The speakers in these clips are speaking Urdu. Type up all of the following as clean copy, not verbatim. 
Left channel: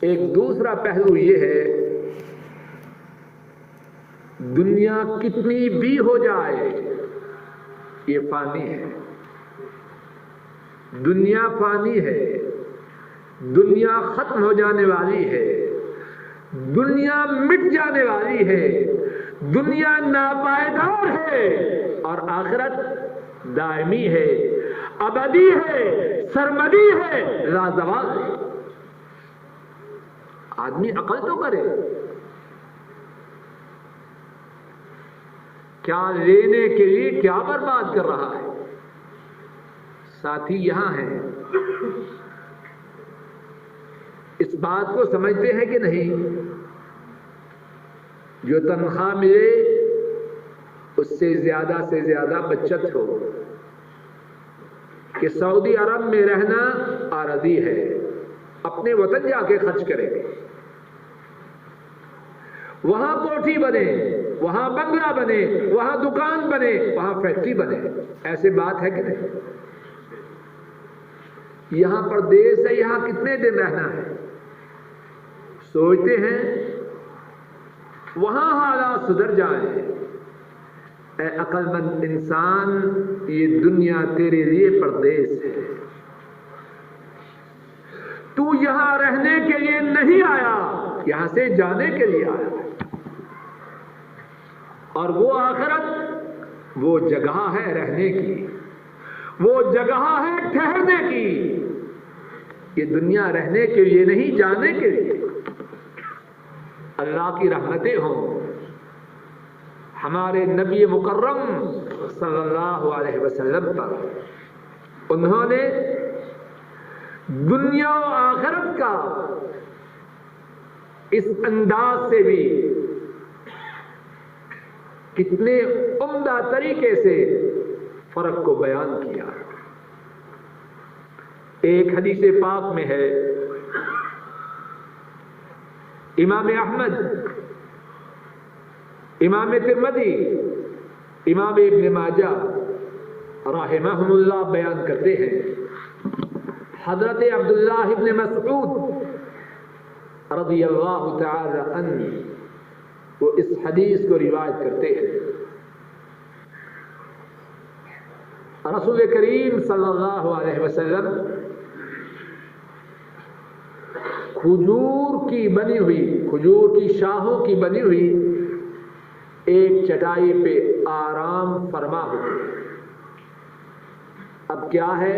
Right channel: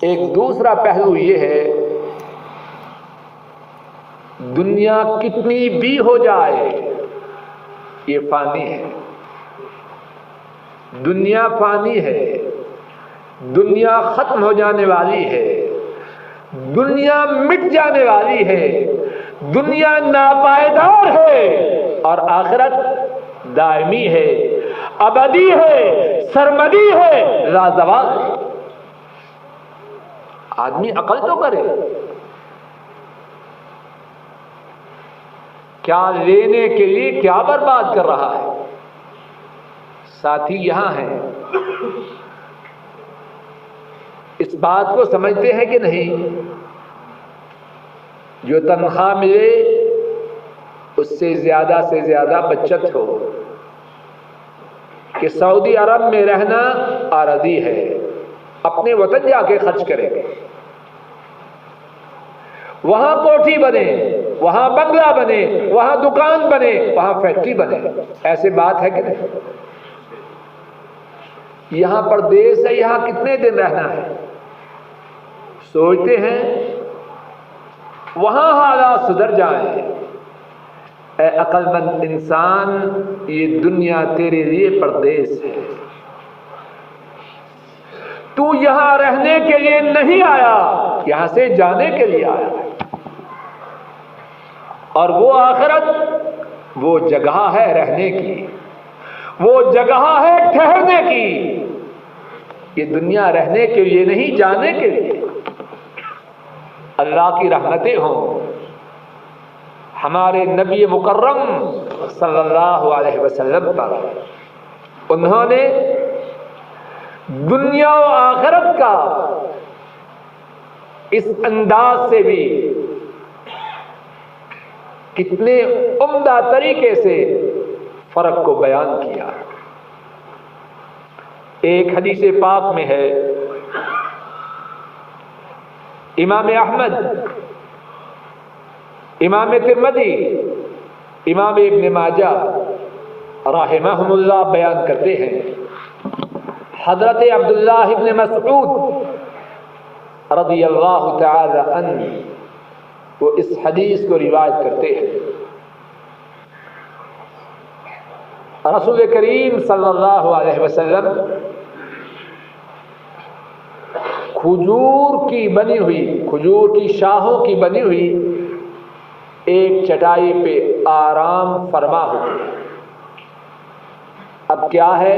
ایک دوسرا پہلو یہ ہے، دنیا کتنی بھی ہو جائے یہ فانی ہے، دنیا فانی ہے، دنیا ختم ہو جانے والی ہے، دنیا مٹ جانے والی ہے، دنیا ناپائیدار ہے، اور آخرت دائمی ہے، ابدی ہے، سرمدی ہے، لازوال ہے۔ آدمی عقل تو کرے، کیا لینے کے لیے کیا برباد کر رہا ہے۔ ساتھی یہاں ہیں، اس بات کو سمجھتے ہیں کہ نہیں؟ جو تنخواہ ملے اس سے زیادہ بچت ہو، کہ سعودی عرب میں رہنا عارضی ہے، اپنے وطن جا کے خرچ کریں گے، وہاں کوٹھی بنے، وہاں بنگلہ بنے، وہاں دکان بنے، وہاں فیکٹری بنے، ایسے بات ہے کہ نہیں؟ یہاں پردیس ہے، یہاں کتنے دن رہنا ہے؟ سوچتے ہیں وہاں حالات سدھر جائیں۔ اے عقل مند انسان، یہ دنیا تیرے لیے پردیس ہے، تو یہاں رہنے کے لیے نہیں آیا، یہاں سے جانے کے لیے آیا ہے، اور وہ آخرت وہ جگہ ہے رہنے کی، وہ جگہ ہے ٹھہرنے کی۔ یہ دنیا رہنے کے لیے نہیں، جانے کے لیے۔ اللہ کی رحمتیں ہوں ہمارے نبی مکرم صلی اللہ علیہ وسلم پر، انہوں نے دنیا و آخرت کا اس انداز سے بھی کتنے عمدہ طریقے سے فرق کو بیان کیا۔ ایک حدیث پاک میں ہے، امام احمد، امام ترمذی، امام ابن ماجہ رحمہم اللہ بیان کرتے ہیں، حضرت عبداللہ ابن مسعود رضی اللہ تعالی عنہ وہ اس حدیث کو روایت کرتے ہیں، رسول کریم صلی اللہ علیہ وسلم کھجور کی بنی ہوئی، کھجور کی شاخوں کی بنی ہوئی ایک چٹائی پہ آرام فرما ہوتے ہیں۔ اب کیا ہے،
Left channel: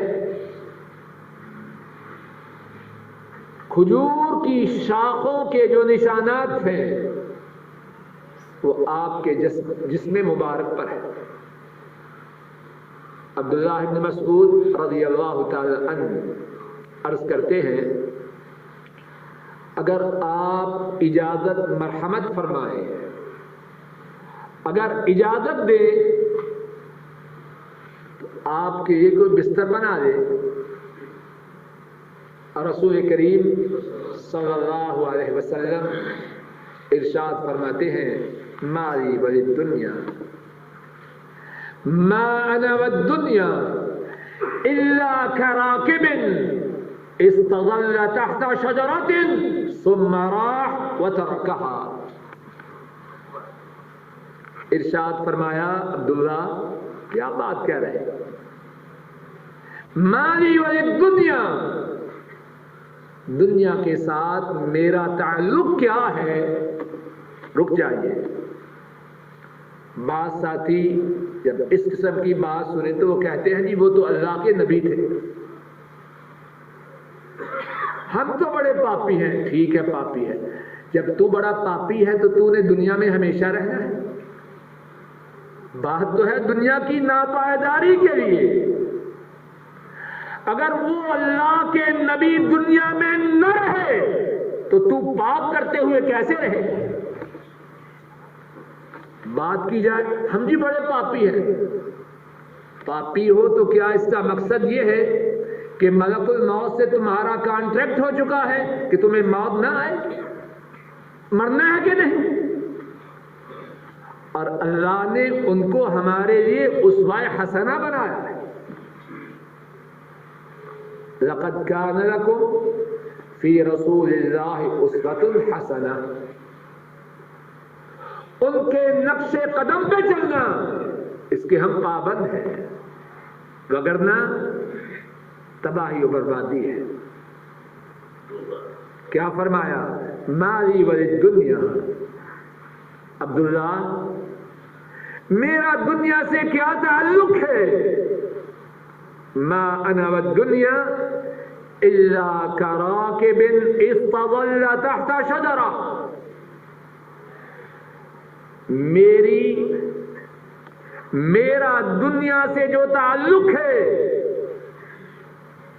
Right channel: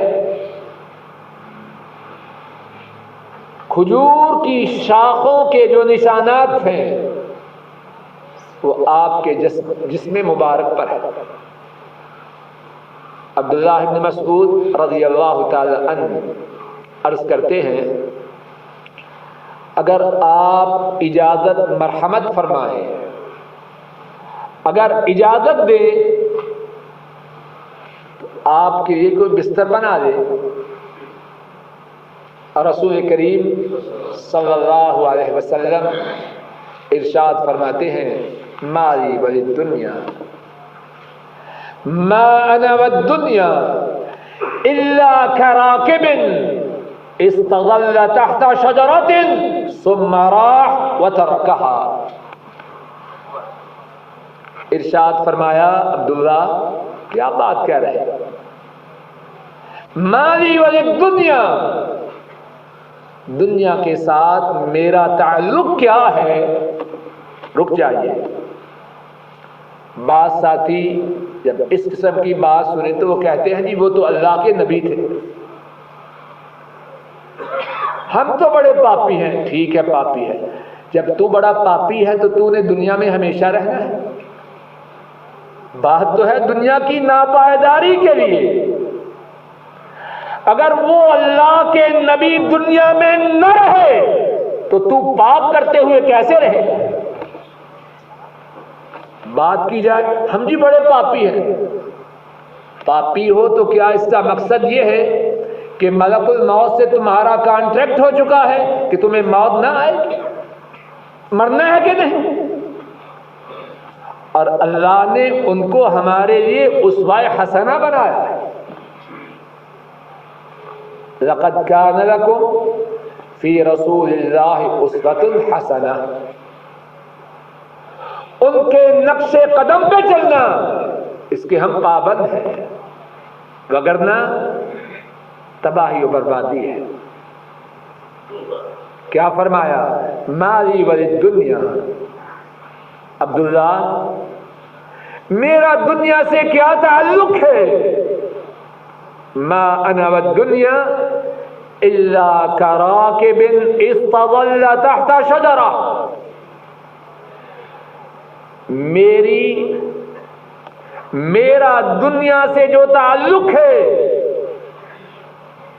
کھجور کی شاخوں کے جو نشانات ہیں وہ آپ کے جسم مبارک پر ہے۔ عبداللہ ابن مسعود رضی اللہ تعالی عنہ عرض کرتے ہیں، اگر آپ اجازت مرحمت فرمائیں، اگر اجازت دیں تو آپ کے لیے کوئی بستر بنا دے۔ اور رسول کریم صلی اللہ علیہ وسلم ارشاد فرماتے ہیں، مالی وللدنیا ما انا والدنیا الا كراكب استظل تحت شجرة ثم راح وتركها۔ ارشاد فرمایا، عبداللہ کیا بات کہہ رہے ہیں، مالی وللدنیا، دنیا کے ساتھ میرا تعلق کیا ہے؟ رک جائیے۔ بعض ساتھی جب اس قسم کی بات سنیں تو وہ کہتے ہیں جی وہ تو اللہ کے نبی تھے، ہم تو بڑے پاپی ہیں۔ ٹھیک ہے، پاپی ہے، جب تو بڑا پاپی ہے تو تو نے دنیا میں ہمیشہ رہنا ہے؟ بات تو ہے دنیا کی ناپائیداری کے لیے۔ اگر وہ اللہ کے نبی دنیا میں نہ رہے تو پاپ کرتے ہوئے کیسے رہے؟ بات کی جائے، ہم جی بڑے پاپی ہیں۔ پاپی ہو تو کیا اس کا مقصد یہ ہے کہ ملک الموت سے تمہارا کانٹریکٹ ہو چکا ہے کہ تمہیں موت نہ آئے؟ مرنا ہے کہ نہیں؟ اور اللہ نے ان کو ہمارے لیے اسوہ حسنہ بنایا ہے۔ لقد كان لكم فی رسول اللہ اسوۃ حسنہ، ان کے نقش قدم پہ چلنا اس کے ہم پابند ہیں، وگرنہ تباہی و بربادی ہے۔ کیا فرمایا؟ مالی وللدنیا، عبداللہ میرا دنیا سے کیا تعلق ہے؟ ما انا والدنیا الا کراکب استظل تحت شجرہ، میرا دنیا سے جو تعلق ہے،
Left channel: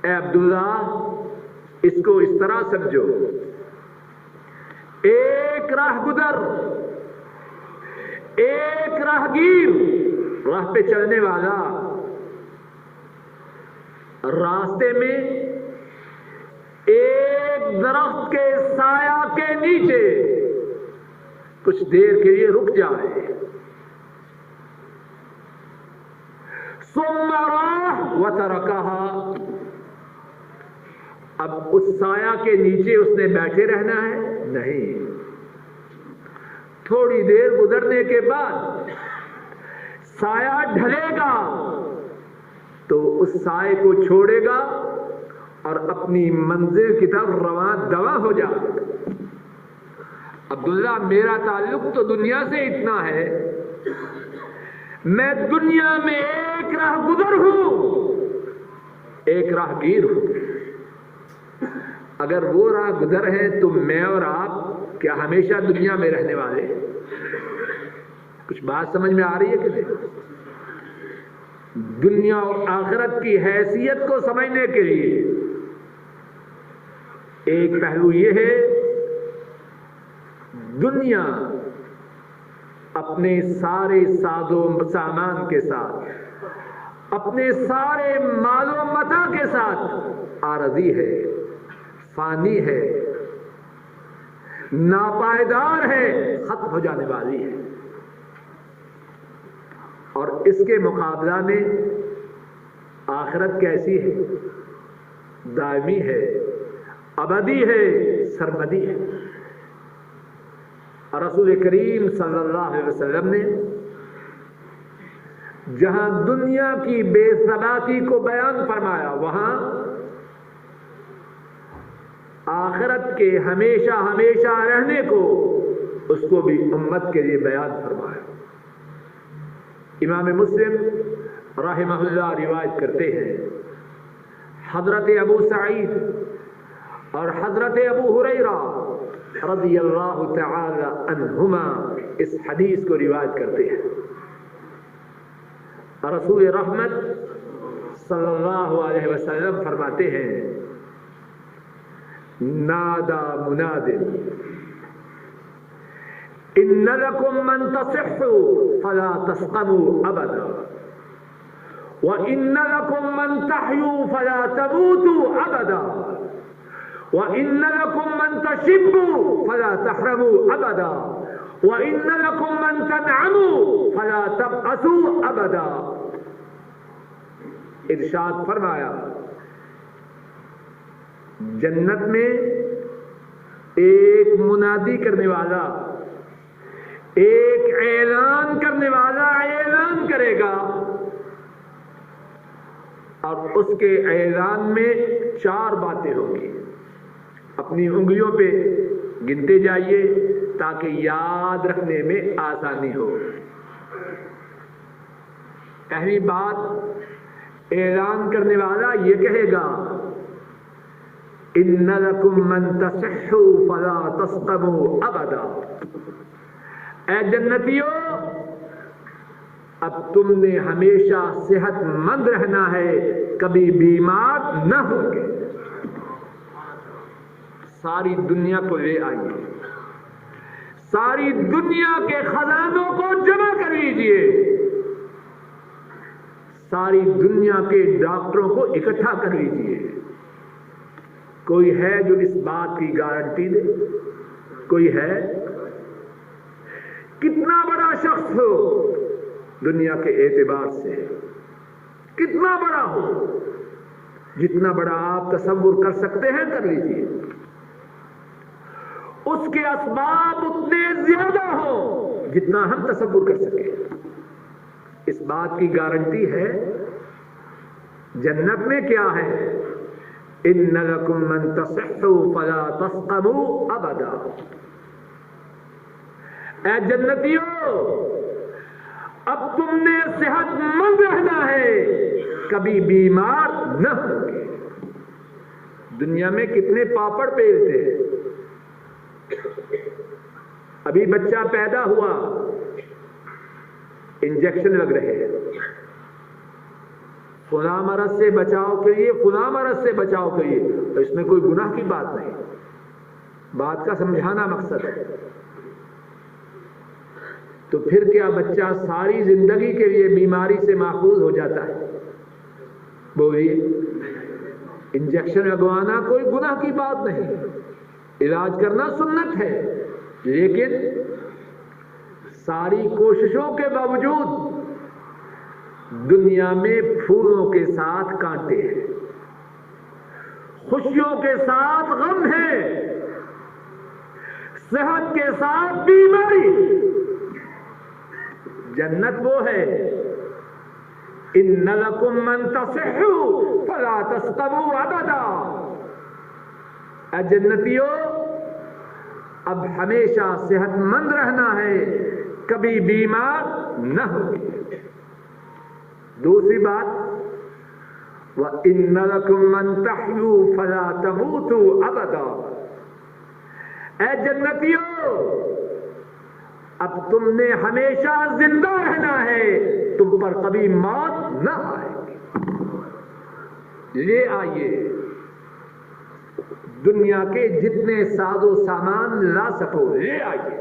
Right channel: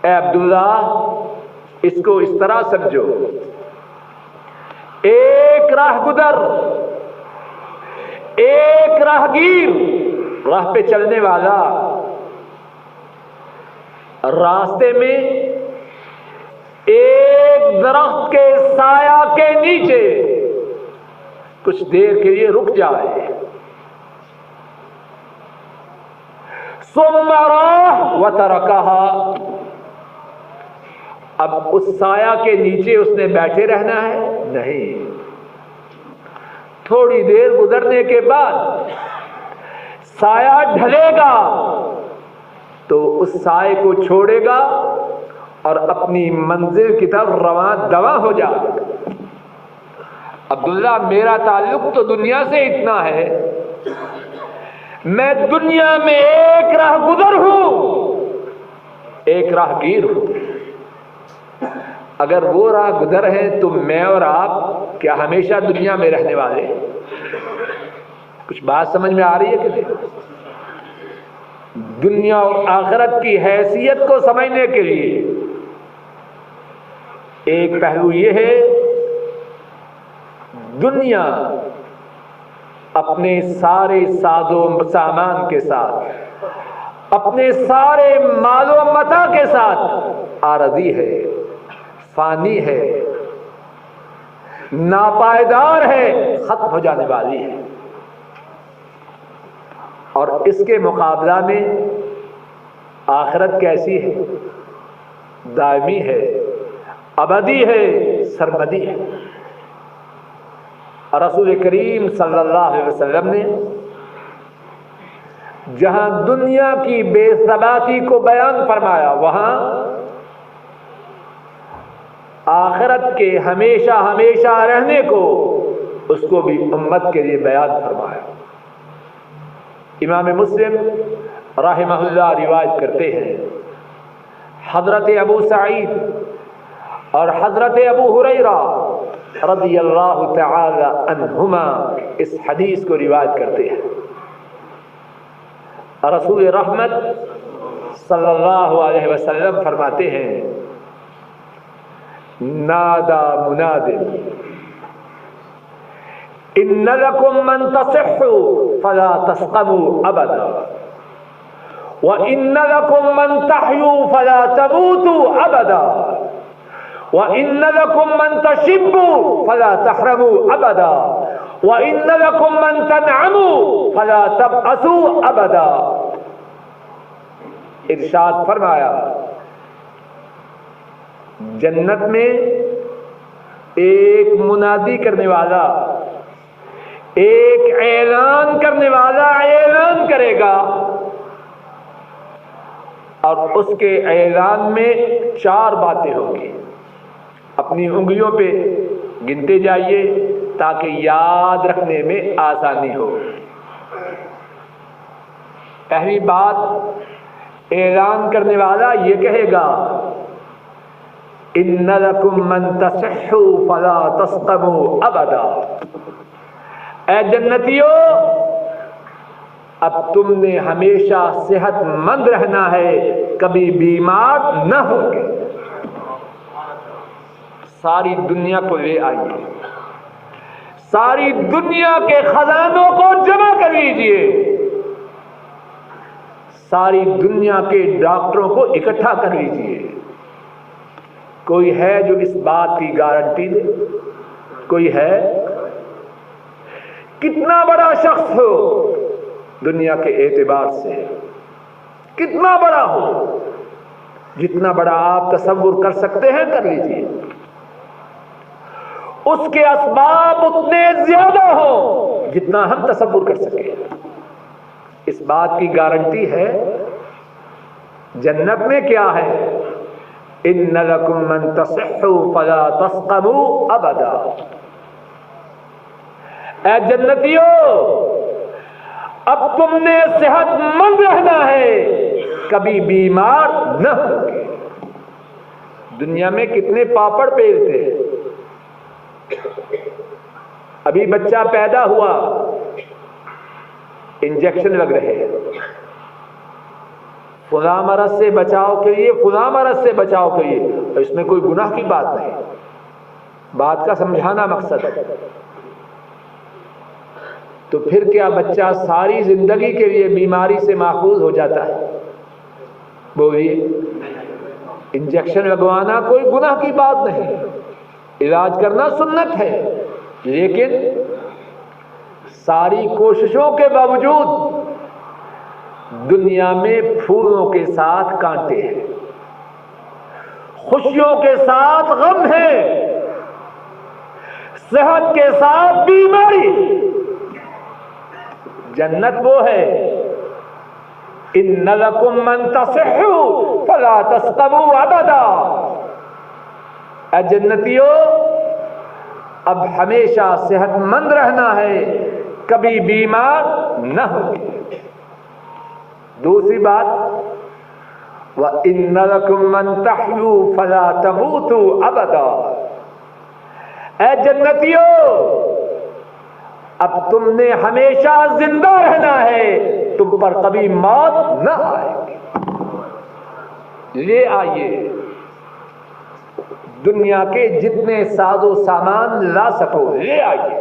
اے عبداللہ اس کو اس طرح سمجھو، ایک راہ گزر، ایک راہگیر، راہ پہ چلنے والا راستے میں ایک درخت کے سایہ کے نیچے کچھ دیر کے لیے رک جائے، ثم راح وترکہا، اب اس سایہ کے نیچے اس نے بیٹھے رہنا ہے؟ نہیں، تھوڑی دیر گزرنے کے بعد سایہ ڈھلے گا تو اس سائے کو چھوڑے گا اور اپنی منزل کی طرف رواں دواں ہو جائے گا۔ عبداللہ میرا تعلق تو دنیا سے اتنا ہے، میں دنیا میں ایک راہ گزر ہوں، ایک راہ گیر ہوں۔ اگر وہ راہ گزر ہیں تو میں اور آپ کیا ہمیشہ دنیا میں رہنے والے ہیں؟ کچھ بات سمجھ میں آ رہی ہے کہ نہیں؟ دنیا اور آخرت کی حیثیت کو سمجھنے کے لیے ایک پہلو یہ ہے، دنیا اپنے سارے ساز و سامان کے ساتھ، اپنے سارے مال و متاع کے ساتھ عارضی ہے، فانی ہے، ناپائیدار ہے، ختم ہو جانے والی ہے، اور اس کے مقابلہ میں آخرت کیسی ہے؟ دائمی ہے، ابدی ہے، سرمدی ہے۔ رسول کریم صلی اللہ علیہ وسلم نے جہاں دنیا کی بے ثباتی کو بیان فرمایا، وہاں آخرت کے ہمیشہ ہمیشہ رہنے کو، اس کو بھی امت کے لیے بیان فرمایا۔ امام مسلم رحمہ اللہ روایت کرتے ہیں، حضرت ابو سعید اور حضرت ابو ہریرہ رضی اللہ تعالی عنہما اس حدیث کو روایت کرتے ہیں۔ رسول رحمت صلی اللہ علیہ وسلم فرماتے ہیں، نادا مناد ان لکم من تصحوا فلا تسقموا ابدا وان لکم من تحیوا فلا تموتوا ابدا وَإِنَّ لَكُمْ مَنْ تَشِبُّوا فَلَا تَحْرَمُوا أَبَدًا وَإِنَّ لَكُمْ مَنْ تَنْعَمُوا فَلَا تَبْأَسُوا أَبَدًا۔ ارشاد فرمایا، جنت میں ایک منادی کرنے والا، ایک اعلان کرنے والا اعلان کرے گا، اور اس کے اعلان میں 4 باتیں ہوں گی، اپنی انگلیوں پہ گنتے جائیے تاکہ یاد رکھنے میں آسانی ہو۔ پہلی بات، اعلان کرنے والا یہ کہے گا، ان لکم من تصحوا فلا تسقموا ابدا، اے جنتیو اب تم نے ہمیشہ صحت مند رہنا ہے، کبھی بیمار نہ ہوگے۔ ساری دنیا کو لے آئیے، ساری دنیا کے خزانوں کو جمع کر لیجئے، ساری دنیا کے ڈاکٹروں کو اکٹھا کر لیجئے، کوئی ہے جو اس بات کی گارنٹی دے؟ کوئی ہے؟ کتنا بڑا شخص ہو دنیا کے اعتبار سے، کتنا بڑا ہو، جتنا بڑا آپ تصور کر سکتے ہیں کر لیجئے، اس کے اسباب اتنے زیادہ ہوں جتنا ہم تصور کر سکیں. اس بات کی گارنٹی ہے جنت میں کیا ہے؟ ان لکم من تصحوا فلا تسقموا ابدا. اے جنتیوں، اب تم نے صحت مند رہنا ہے، کبھی بیمار نہ ہوگے. دنیا میں کتنے پاپڑ بیلتے ہیں. ابھی بچہ پیدا ہوا، انجیکشن لگ رہے ہیں، فلاں مرض سے بچاؤ کے لیے، فلاں مرض سے بچاؤ کے لیے. اور اس میں کوئی گناہ کی بات نہیں، بات کا سمجھانا مقصد ہے. تو پھر کیا بچہ ساری زندگی کے لیے بیماری سے محفوظ ہو جاتا ہے؟ بولیے. انجیکشن لگوانا کوئی گناہ کی بات نہیں، علاج کرنا سنت ہے، لیکن ساری کوششوں کے باوجود دنیا میں پھولوں کے ساتھ کانٹے ہیں، خوشیوں کے ساتھ غم ہے، صحت کے ساتھ بیماری. جنت وہ ہے ان لکم من تصحوا فلا تسقموا ابدا. اے جنتیوں، اب ہمیشہ صحت مند رہنا ہے، کبھی بیمار نہ ہوگی. دوسری بات، وَإِنَّ لَكُمْ مَنْ تَحْيُوا فَلَا تَمُوتُوا أَبَدًا. اے جنتیوں، اب تم نے ہمیشہ زندہ رہنا ہے، تم پر کبھی موت نہ آئے گی. لے آئیے دنیا کے جتنے ساز و سامان لا سکو لے آئیے.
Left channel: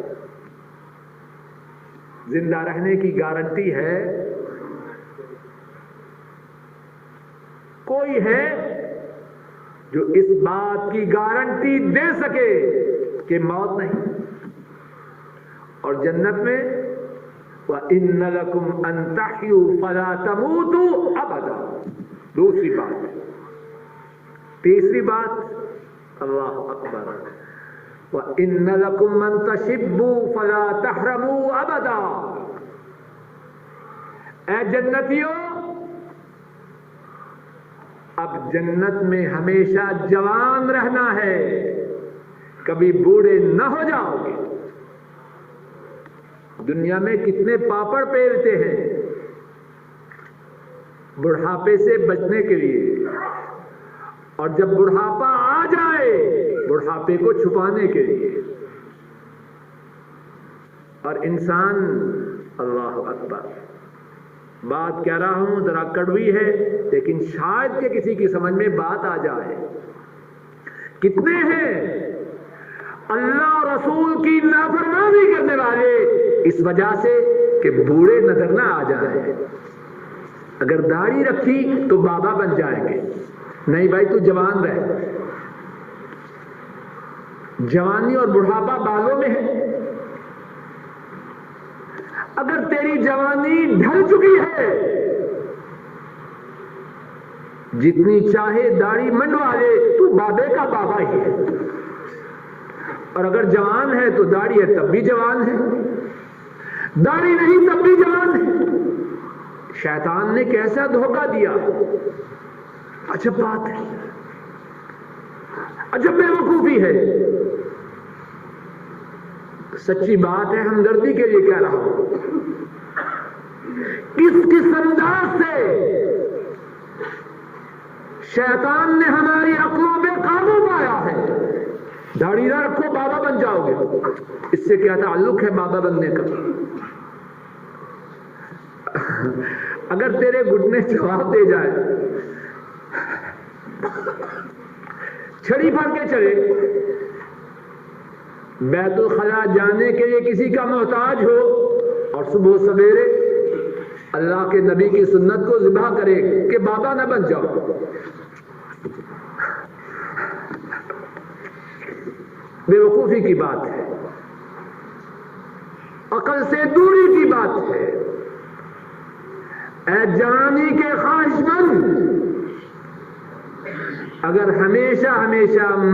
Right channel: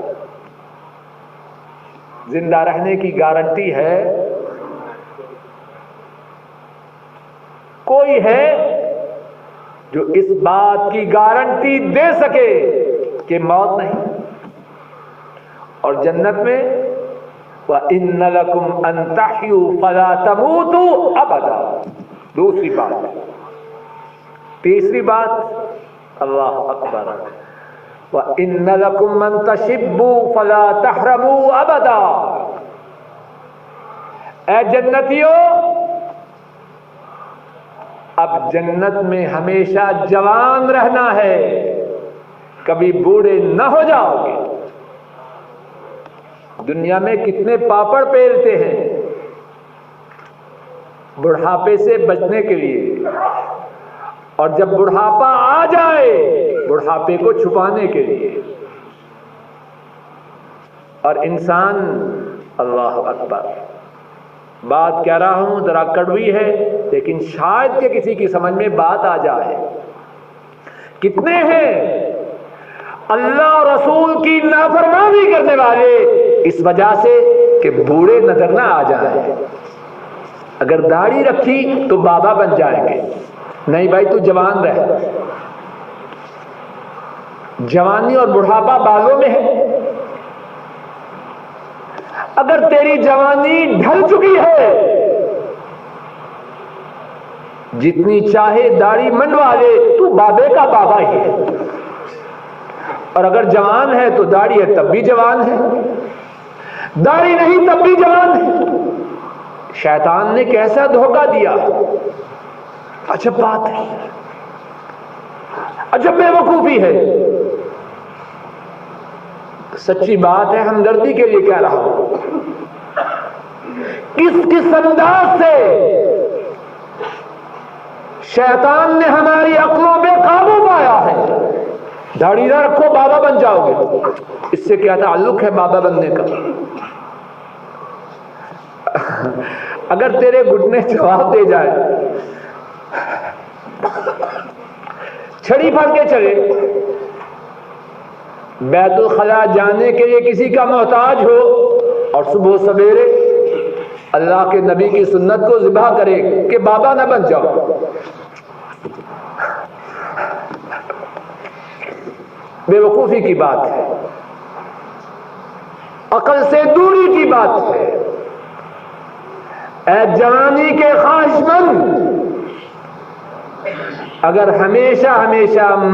زندہ رہنے کی گارنٹی ہے؟ کوئی ہے جو اس بات کی گارنٹی دے سکے کہ موت نہیں؟ اور جنت میں وَإِنَّ لَكُمْ أَن تَحْيُوا فَلَا تَمُوتُوا أَبَدًا. دوسری بات. تیسری بات، اللہ اکبر، وَإِنَّ لَكُمْ مَن تَشِبُّوا فَلَا تَحْرَمُوا أَبَدًا. اے جنتیوں، اب جنت میں ہمیشہ جوان رہنا ہے، کبھی بوڑھے نہ ہو جاؤ گے. دنیا میں کتنے پاپڑ پھیلتے ہیں بڑھاپے سے بچنے کے لیے، اور جب بڑھاپا آ جائے بڑھاپے کو چھپانے کے لیے. اور انسان، اللہ اکبر، بات کہہ رہا ہوں ذرا کڑوی ہے لیکن شاید کہ کسی کی سمجھ میں بات آ جائے. کتنے ہیں اللہ اور رسول کی نافرمانی کرنے والے اس وجہ سے کہ بوڑھے نظر نہ آ جائیں. اگر داڑھی رکھی تو بابا بن جائیں گے. نہیں بھائی، تو جوان رہ. جوانی اور بڑھاپا بالوں میں ہے. اگر تیری جوانی ڈھل چکی ہے، جتنی چاہے داڑھی منڈوا لے، تو بابے کا بابا ہی ہے. اور اگر جوان ہے تو داڑھی ہے تب بھی جوان ہے، داڑھی نہیں تب بھی جوان ہے. شیطان نے کیسا دھوکہ دیا. عجب بات ہے، عجب بے وقوفی ہے. سچی بات ہے، ہمدردی کے لیے کہہ رہا ہوں. کس انداز سے شیطان نے ہماری عقلوں پہ قابو پایا ہے. داڑھی نہ رکھو بابا بن جاؤ گے. اس سے کیا تعلق ہے بابا بننے کا؟ اگر تیرے گھٹنے جواب دے جائے، چھڑی پھڑ کے چلے، بیت الخلاء جانے کے لیے کسی کا محتاج ہو اور صبح سویرے اللہ کے نبی کی سنت کو ذبح کرے کہ بابا نہ بن جاؤ. بے وقوفی کی بات ہے، عقل سے دوری کی بات ہے. اے جوانی کے خواہش مند، اگر ہمیشہ ہمیشہ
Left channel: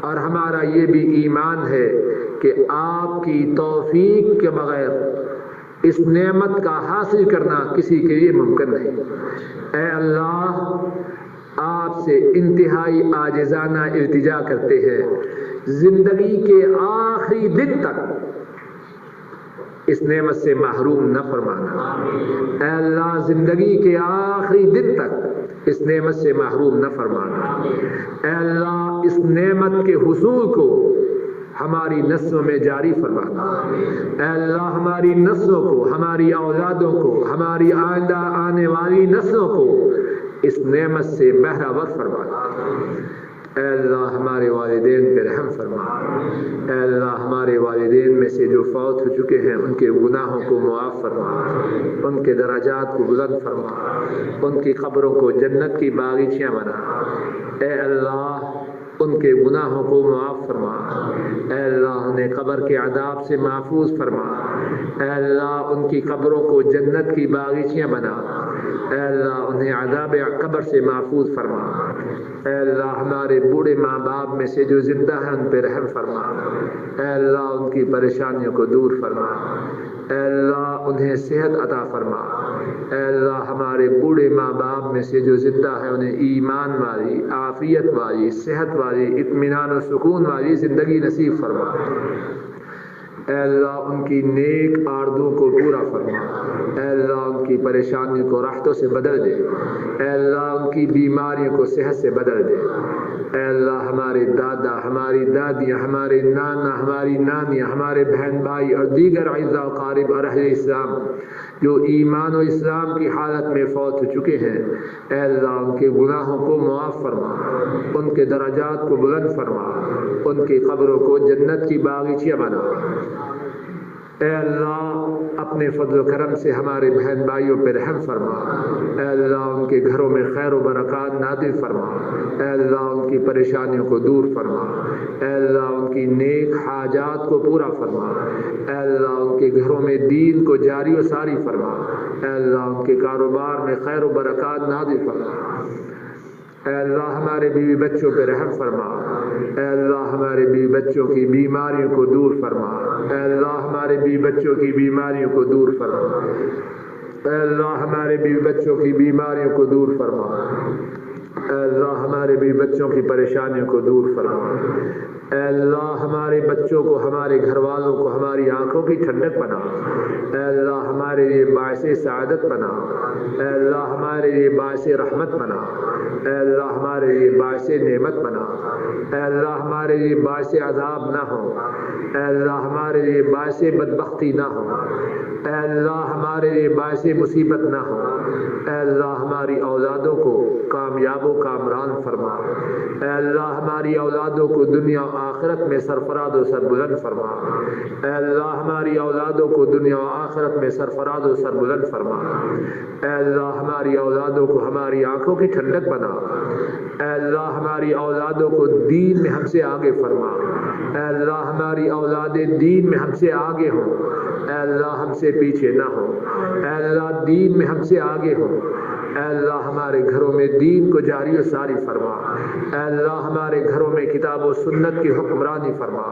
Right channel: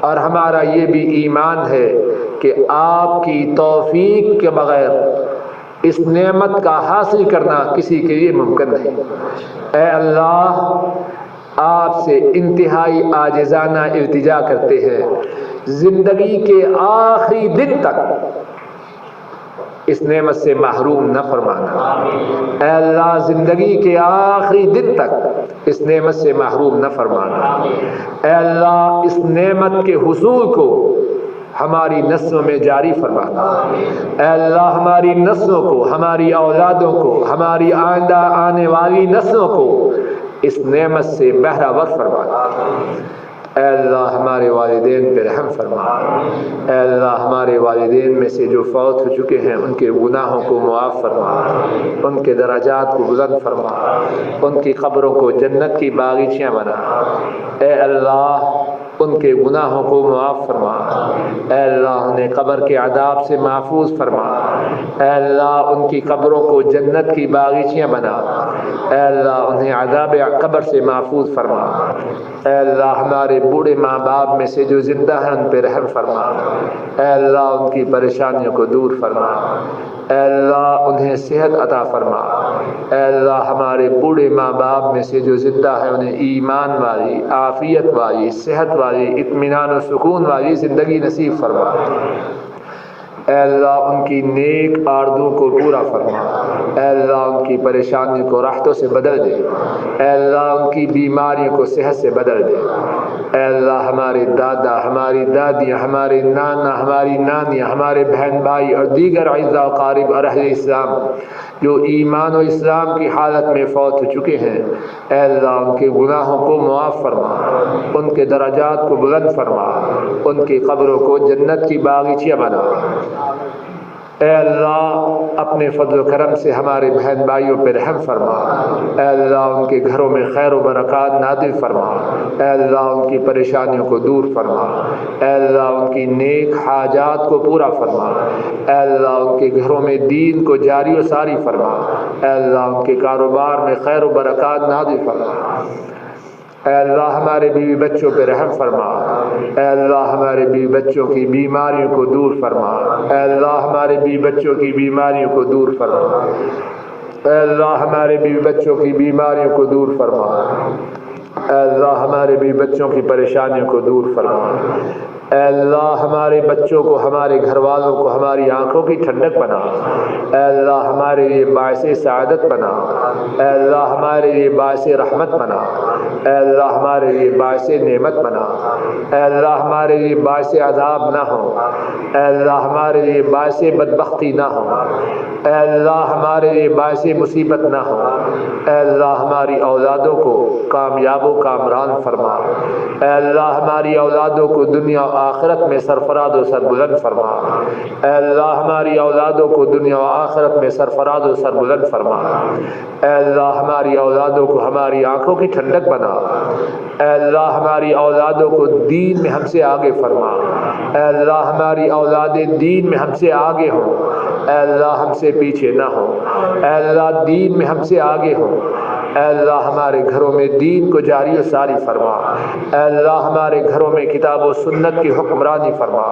اور ہمارا یہ بھی ایمان ہے کہ آپ کی توفیق کے بغیر اس نعمت کا حاصل کرنا کسی کے لیے ممکن نہیں۔ اے اللہ، آپ سے انتہائی عاجزانہ التجا کرتے ہیں، زندگی کے آخری دن تک اس نعمت سے محروم نہ فرمانا۔ اے اللہ، زندگی کے آخری دن تک اس نعمت سے محروم نہ فرمانا۔ اے اللہ، اس نعمت کے حصول کو ہماری نسلوں میں جاری فرمانا۔ اے اللہ، ہماری نسلوں کو، ہماری اولادوں کو، ہماری آئندہ آنے والی نسلوں کو اس نعمت سے بہرہ فرمانا۔ اے اللہ، ہمارے والدین پہ رحم فرما۔ اے اللہ، ہمارے والدین میں سے جو فوت ہو چکے ہیں ان کے گناہوں کو معاف فرما، ان کے درجات کو بلند فرما، ان کی قبروں کو جنت کی باغیچیاں بنا۔ اے اللہ، ان کے گناہوں کو معاف فرما۔ اے اللہ، انہیں قبر کے عذاب سے محفوظ فرما۔ اے اللہ، ان کی قبروں کو جنت کی باغیچیاں بنا۔ اے اللہ، انہیں عذاب قبر سے محفوظ فرما۔ اے اللہ، ہمارے بوڑھے ماں باپ میں سے جو زندہ ہیں ان پہ رحم فرما۔ اے اللہ، ان کی پریشانیوں کو دور فرما۔ اے اللہ، انہیں صحت عطا فرما۔ اے اللہ، ہمارے بوڑھے ماں باپ میں سے جو زندہ ہیں انہیں ایمان والی، عافیت والی، صحت والی، اطمینان و سکون والی زندگی نصیب فرما۔ اے اللہ، ان کی نیک آرزو کو پورا فرما۔ اے اللہ، ان کی پریشانی کو راحتوں سے بدل دے۔ اے اللہ، ان کی بیماریوں کو صحت سے بدل دے۔ اے اللہ، ہمارے دادا، ہماری دادیاں، ہمارے نانا، ہماری نانیاں، ہمارے بہن بھائی اور دیگر اعزاء و اقارب اور اہل اسلام جو ایمان و اسلام کی حالت میں فوت ہو چکے ہیں، اے اللہ، ان کے گناہوں کو معاف فرما، ان کے درجات کو بلند فرما، ان کی قبروں کو جنت کی باغیچیاں بنا۔ اے اللہ، اپنے فضل و کرم سے ہمارے بہن بھائیوں پہ رحم فرما۔ اے اللہ، ان کے گھروں میں خیر و برکات نازل فرما۔ اے اللہ، ان کی پریشانیوں کو دور فرما۔ اے اللہ، ان کی نیک حاجات کو پورا فرما۔ اے اللہ، ان کے گھروں میں دین کو جاری و ساری فرما۔ اے اللہ، ان کے کاروبار میں خیر و برکات نازل فرما۔ اے اللہ، ہمارے بیوی بچوں پہ رحم فرما۔ اے اللہ، ہمارے بیوی بچوں کی بیماریوں کو دور فرما۔ اے اللہ، ہمارے بیوی بچوں کی بیماریوں کو دور فرما۔ اے اللہ، ہمارے بیوی بچوں کی بیماریوں کو دور فرما۔ اے اللہ، ہمارے بیوی بچوں کی پریشانیوں کو دور فرما۔ اے اللہ، ہمارے بچوں کو، ہمارے گھر والوں کو ہماری آنکھوں کی ٹھنڈک بنا۔ اے اللہ، ہمارے لیے باعث سعادت بنا۔ اے اللہ، ہمارے لیے باعث رحمت بنا۔ اے اللہ، ہمارے لیے باعث نعمت بنا۔ اے اللہ، ہمارے لیے باعث عذاب نہ ہو۔ اے اللہ، ہمارے لیے باعث بدبختی نہ ہو۔ اے اللہ، ہمارے لیے باعث مصیبت نہ ہو۔ اے اللہ، ہماری اولادوں کو کامیاب و کامران فرما۔ اے اللہ، ہماری اولادوں کو دنیا و آخرت میں سرفراز و سربلند فرما۔ اے اللہ، ہماری اولادوں کو دنیا و آخرت میں سرفراز و سربلند فرما۔ اے اللہ، ہماری اولادوں کو ہماری آنکھوں کی ٹھنڈک بنا۔ اے اللہ، ہماری اولادوں کو دین میں ہم سے آگے فرما۔ اے اللہ، ہماری اولادیں دین میں ہم سے آگے ہوں۔ اے اللہ، ہم سے پیچھے نہ ہوں۔ اے اللہ، دین میں ہم سے آگے ہوں۔ اے اللہ، ہمارے گھروں میں دین کو جاری و ساری فرما۔ اے اللہ، ہمارے گھروں میں کتاب و سنت کی حکمرانی فرما۔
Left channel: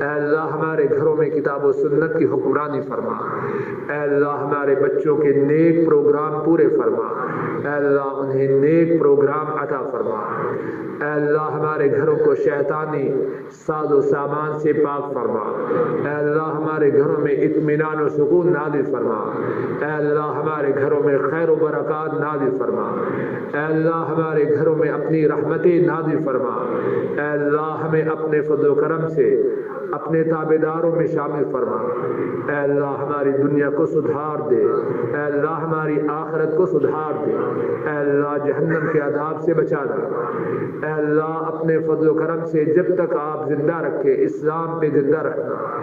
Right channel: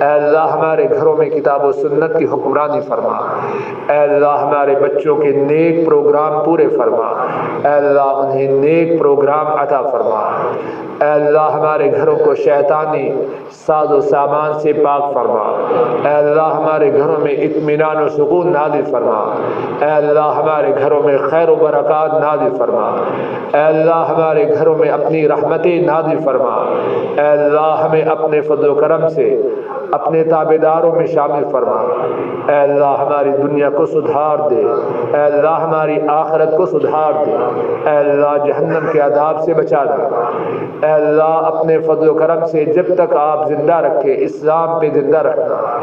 اے اللہ، ہمارے گھروں میں کتاب و سنت کی حکمرانی فرما۔ اے اللہ، ہمارے بچوں کے نیک پروگرام پورے فرما۔ اے اللہ، انہیں نیک پروگرام عطا فرما۔ اے اللہ، ہمارے گھروں کو شیطانی ساز و سامان سے پاک فرما۔ اے اللہ، ہمارے گھروں میں اطمینان و سکون نازل فرما۔ اے اللہ، ہمارے گھروں میں خیر و برکات نازل فرما۔ اے اللہ، ہمارے گھروں میں اپنی رحمتیں نازل فرما۔ اے اللہ، ہمیں اپنے فضل و کرم سے اپنے تابعداروں میں شامل فرما۔ اے اللہ، ہماری دنیا کو سدھار دے۔ اے اللہ، ہماری آخرت کو سدھار دے۔ اے اللہ، جہنم کے عذاب سے بچا دے۔ اے اللہ، اپنے فضل و کرم سے جب تک آپ زندہ رکھے اسلام پہ زندہ رکھنا۔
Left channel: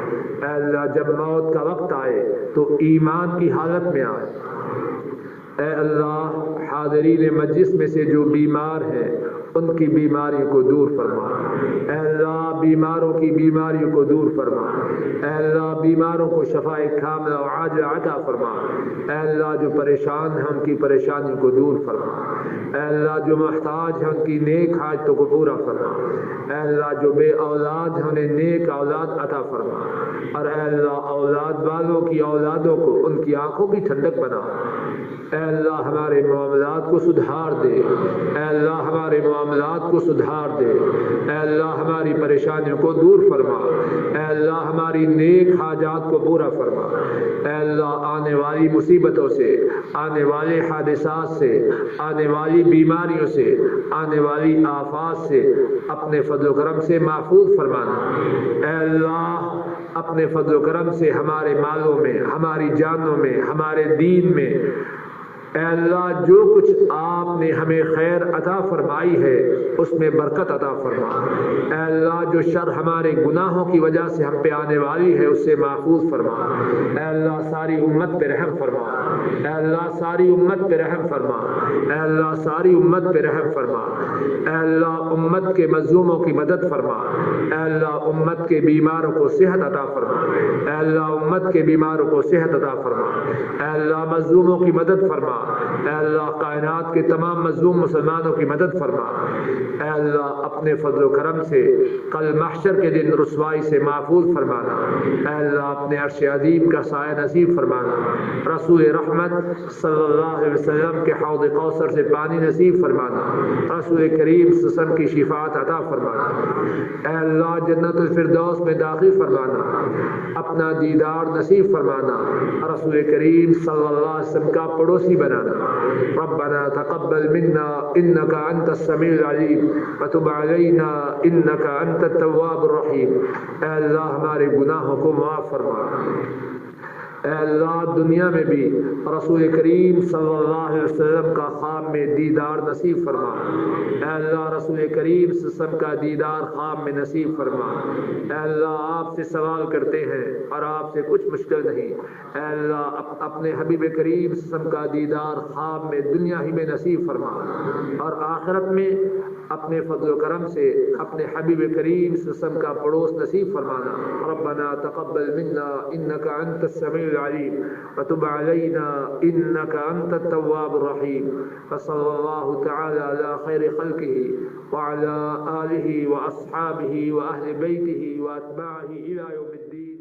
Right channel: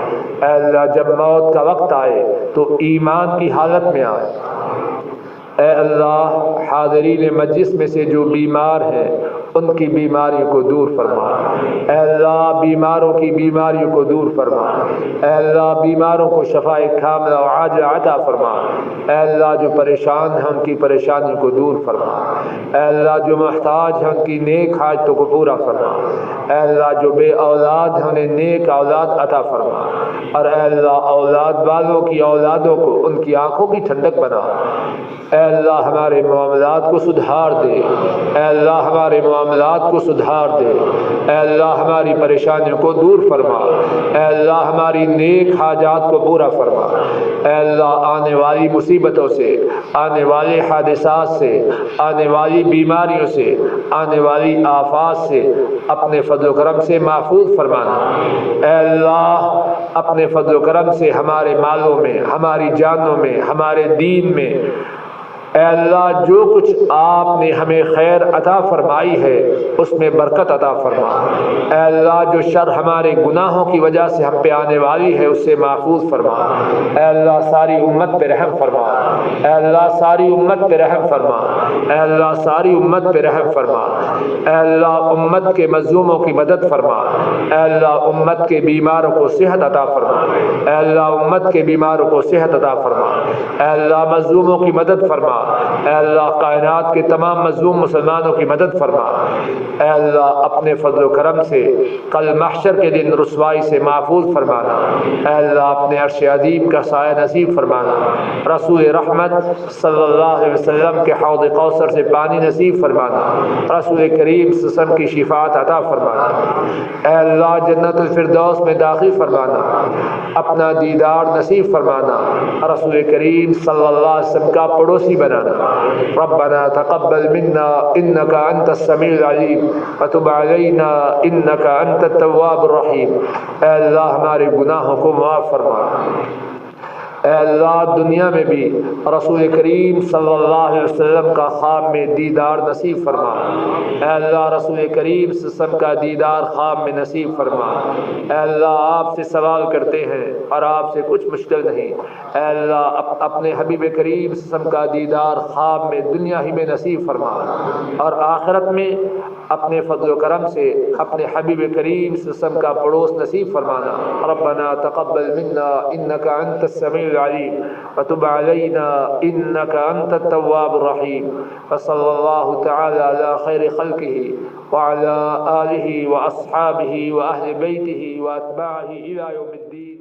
اے اللہ، جب موت کا وقت آئے تو ایمان کی حالت میں آئے۔ اے اللہ، حاضرین مجلس میں سے جو بیمار ہیں ان کی بیماریوں کو دور فرما، اے اللہ بیماروں کی بیماریوں کو دور فرما، اے اللہ بیماروں کو شفائے کاملہ و عاجلہ عطا فرما، اے اللہ جو پریشان ہیں ان کی پریشانیوں کو دور فرما، اے اللہ جو محتاج ہیں ان کی نیک حاجتوں کو پورا فرما، اے اللہ جو بے اولاد ہیں انہیں نیک اولاد عطا فرما، اور اے اللہ اولاد والوں کی اولادوں کو ان کی آنکھوں کی ٹھنڈک بنا، اے اللہ ہمارے معاملات کو سدھار دے، اے اللہ ہمارے معاملات کو سدھار دے، اے اللہ ہماری پریشانیوں کو دور فرما، اے اللہ ہماری نیک حاجات کو پورا فرما، اے اللہ آنے والی مصیبتوں سے، آنے والے حادثات سے، آنے والی بیماریوں سے، آنے والی آفات سے اپنے فضل و کرم سے محفوظ فرمانا، اے اللہ اپنے فضل و کرم سے ہمارے مالوں میں، ہماری جانوں میں، ہمارے دین میں، اے اللہ جو کچھ آپ نے ہمیں خیر عطا فرمائی ہے اس میں برکت عطا فرما، اے اللہ جو شر ہمارے گناہوں کی وجہ سے ہم پہ آنے والی ہے اس سے محفوظ فرما، اے اللہ ساری امت پہ رحم فرما، اے اللہ ساری امت پہ رحم فرما، اے اللہ ساری امت پہ رحم فرما، اے اللہ امت کے مظلوموں کی مدد فرما، اے اللہ امت کے بیماروں کو صحت عطا فرما، اے اللہ امت کے بیماروں کو صحت عطا فرما، اے اللہ مظلوموں کی مدد فرما، اے اللہ کائنات کے تمام مظلوم مسلمانوں کی مدد فرما، اے اللہ اپنے فضل و کرم سے کل محشر کے دن رسوائی سے محفوظ فرمانا، اے اللہ اپنے عرش عظیم کا سایہ نصیب فرمانا، رسول رحمت صلی اللہ علیہ وسلم کے حوض کوثر سے پانی نصیب فرمانا، رسول کریم صلی اللہ علیہ وسلم کی شفاعت عطا فرمانا، اے اللہ جنت الفردوس میں داخل فرمانا، اپنا دیدار نصیب فرمانا، رسول کریم صلی اللہ علیہ وسلم کا پڑوسی بنانا، ربنا تقبل منا انك انت السميع العليم وتب علينا انك انت التواب الرحيم، اے اللہ ہمارے گناہوں کو معاف فرما، اے اللہ دنیا میں بھی رسول کریم صلی اللہ علیہ وسلم کا خواب میں دیدار نصیب فرما، اے اللہ رسول کریم صلی اللہ علیہ وسلم کا دیدار خواب میں نصیب فرما، اے اللہ آپ سے سوال کرتے ہیں اور آپ سے کچھ مشکل نہیں، اے اللہ اپنے حبیب کریم صلی اللہ علیہ وسلم کا دیدار خواب میں دنیا ہی میں نصیب فرما، اور آخرت میں اپنے فضل و کرم سے اپنے حبیب کریم صلی اللہ علیہ وسلم کا پڑوس نصیب فرمانا، ربنا تقبل منا انك انت السميع العليم وتب علينا انك انت التواب الرحيم، وصلى الله تعالى على خير خلقه وعلى آله واصحابه واهل بيته واتباعه الى يوم الدين.